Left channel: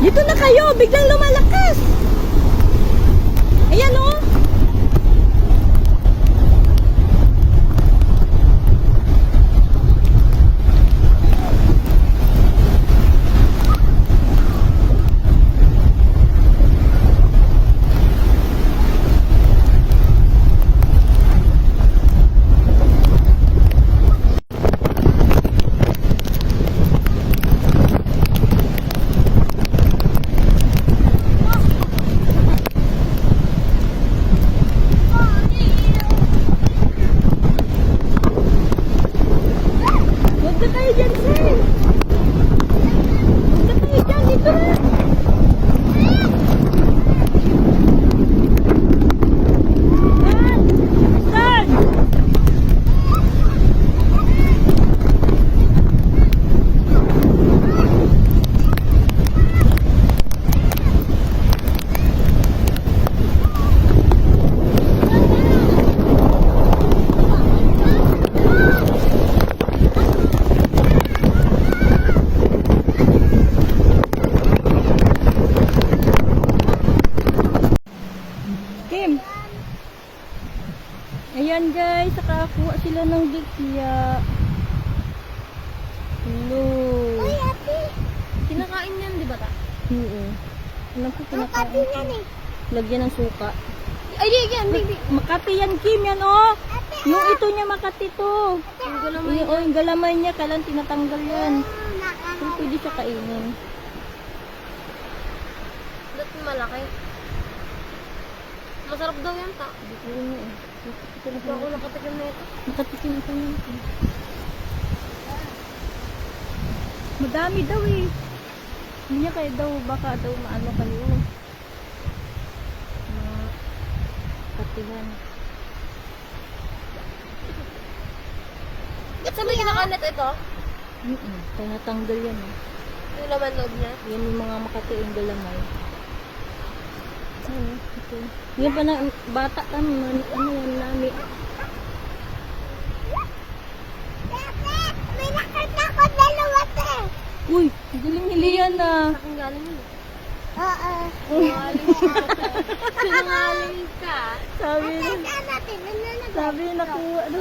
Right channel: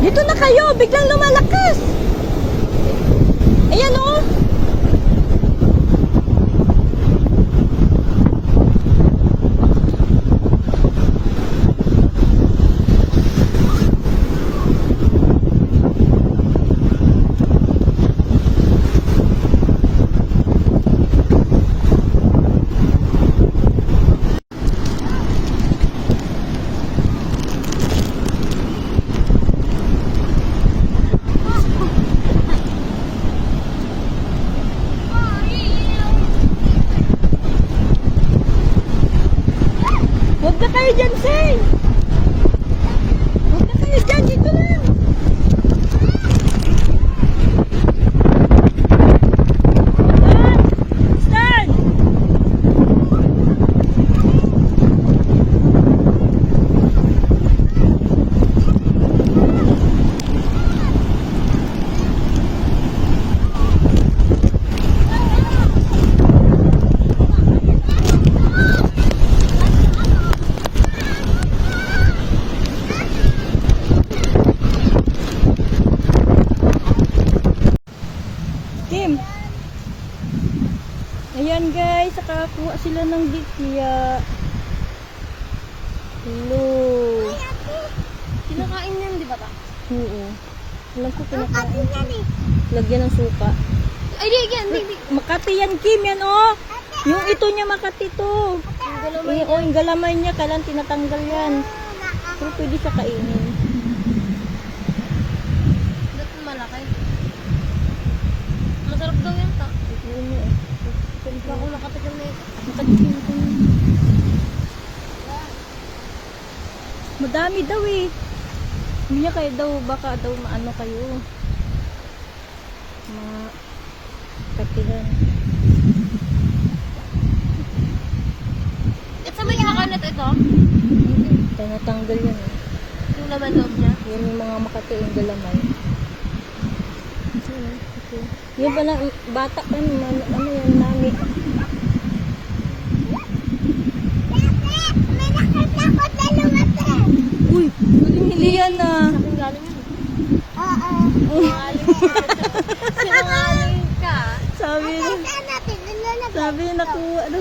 Dito na kayo, biglang lumalakas. Ayan o. Huwag na kayo dyan, sir. Huwag na kayo dyan. Dito na. Stand! Stand! Kim. Ayan guys, nakakuha sila ng bikya. Hello. Kinakain yan, di ba? Oo. Alam ko kinakain. Lagyan ng suka. Ay, di, yan, di. Makati yan, Kim. Yan oh. Yung ito niya Makati to. Yung galamay niya, kailan tinatanggal yan. Pero pwede siya kainin. Ba't malaki? Masarap daw yan, ta. Ito niya eh. Hindi ako nakatagal na ito. Makatikim ko yun. Madami daw eh. Hindi niya kayo daw, baka daw maano kayo. Patihan. At sa may kinakalat ito? Tinatanggal yan eh. Yung laman loob niya. Yan yung mga Makati yung galamay. Okay. Yan pa na, bata ka, ano yan, nami. Uy, hindi yan ah. Aking galing yun. Oo. Sinungaling ka. Sabi, Saan natin? Ano na ba? sabi na kuya, ano